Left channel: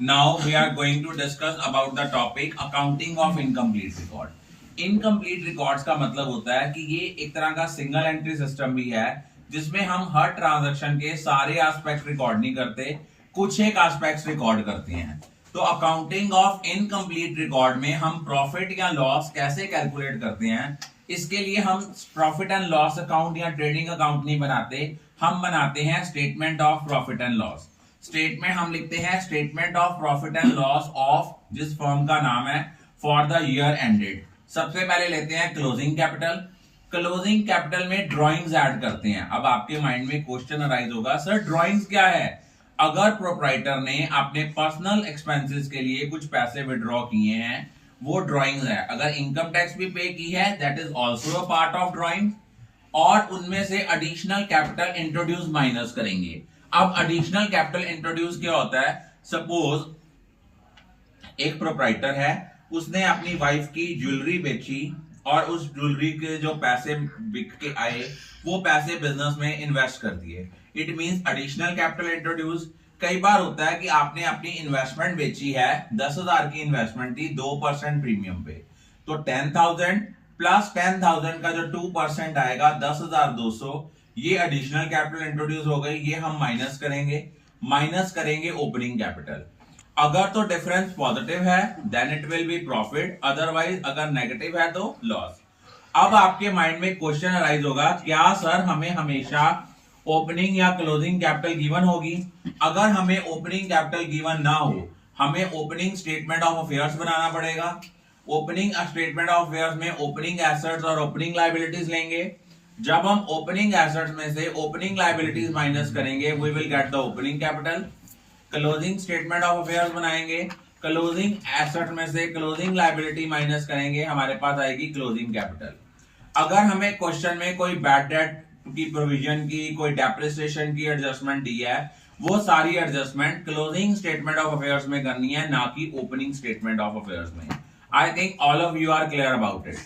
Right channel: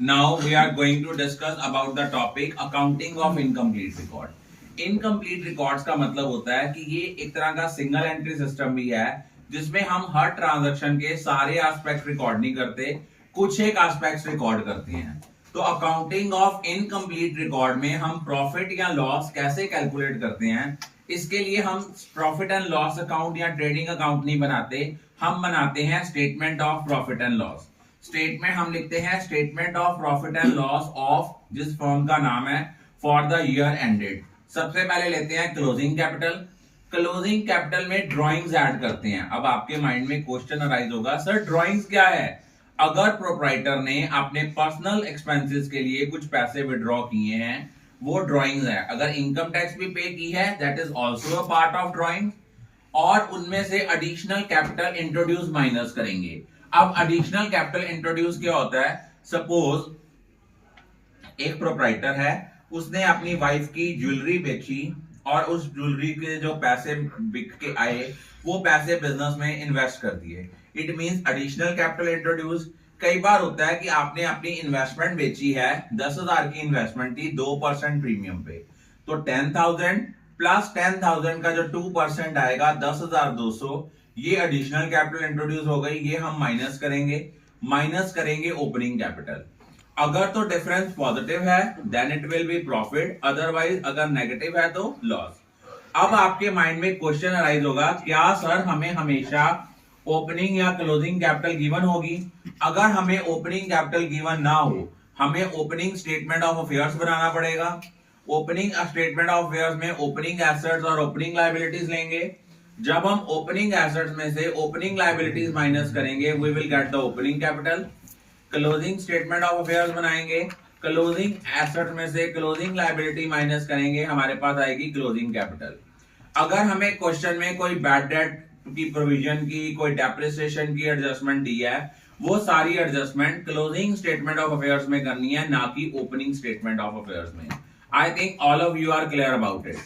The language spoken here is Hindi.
Now we are going to discuss about the topic accounting of incomplete record. Incomplete records का मतलब होता है कि ये एक तरह का सिंगल एंट्री सिस्टम भी है जिसमें हम हर ट्रांजैक्शन के सारे एस्पेक्ट रिकॉर्ड नहीं करते, कुछ एक एस्पेक्ट्स रिकॉर्ड करते हैं। तो अकाउंटिंग ऑफ इनकम्प्लीट रिकॉर्ड में हम प्रॉफिट या लॉस कैसे कैलकुलेट करते हैं, इसके लिए हम प्रॉफिट एंड लॉस अकाउंट या ट्रेडिंग अकाउंट नहीं बनाते, हम बनाते हैं statement of profit and loss. Statement हम लिखते हैं statement of profit and loss of जिस फर्म का नाम है फॉर द ईयर एंडेड। सबसे पहले लेते हैं क्लोजिंग कैपिटल। क्लोजिंग कैपिटल में ड्रॉइंग्स ऐड करते हैं। अब आपके माइंड में क्वेश्चन अराइज होगा, सर ड्रॉइंग्स क्या है? अगर प्रोप्राइटर ने अपने पर्सनल एक्सपेंसेस के लिए कुछ पैसे विड्रॉ किए हैं, वो ड्रॉइंग्स है। अगर इनकम टैक्स भी पे की है, that is also a part of drawing. और उनमें से एडिशनल कैपिटल इंट्रोड्यूस माइनस करेंगे। अब एडिशनल कैपिटल इंट्रोड्यूस क्या होता है? सपोज एक प्रोप्राइटर है, उसने अपनी वाइफ की ज्वेलरी बेची और उस ज्वेलरी के जो पैसे बिक के आए वो पैसे बिजनेस में इन्वेस्ट कर दिए। It means additional capital introduce. कई बार होता है कि आपने अपनी इन्वेस्टमेंट बेची है, 10,000 की इन्वेस्टमेंट थी 2% प्रीमियम पे, तो 10,000 प्लस 10,000 का जो 2% आएगा 10,200, ये एडिशनल कैपिटल इंट्रोड्यूस हो गई। ये हम माइनस करेंगे ओपनिंग कैपिटल। अगर तो डिफरेंस पॉजिटिव है then it will be profit, otherwise अगर नेगेटिव है तो लॉस। अब आपके माइंड में क्वेश्चन अराइज होगा, क्या सर हमें हमेशा ओपनिंग या क्लोजिंग कैपिटल गिवन होगी? अगर हमें ओपनिंग कैपिटल गिवन ना हो, हमें ओपनिंग स्टेटमेंट ऑफ अफेयर्स बनाना पड़ेगा। ओपनिंग स्टेटमेंट ऑफ अफेयर्स में ओपनिंग एसेट्स और ओपनिंग लायबिलिटीज लेंगे। जब हम ओपनिंग एसेट्स में से ओपनिंग लायबिलिटीज माइनस करेंगे, we will get the opening capital. Closing statement of affairs बनाएंगे, क्लोजिंग एसेट में से क्लोजिंग लायबिलिटी माइनस करेंगे, हमारे पास आएगी क्लोजिंग कैपिटल। अगर हमें क्वेश्चन में कोई बैड डेट की प्रोविजन की, कोई डेप्रिसिएशन की एडजस्टमेंट दी है, वो सारी adjustment closing statement of affairs में करनी है, ना कि ओपनिंग स्टेटमेंट ऑफ अफेयर्स में। I think all of you are clear about it.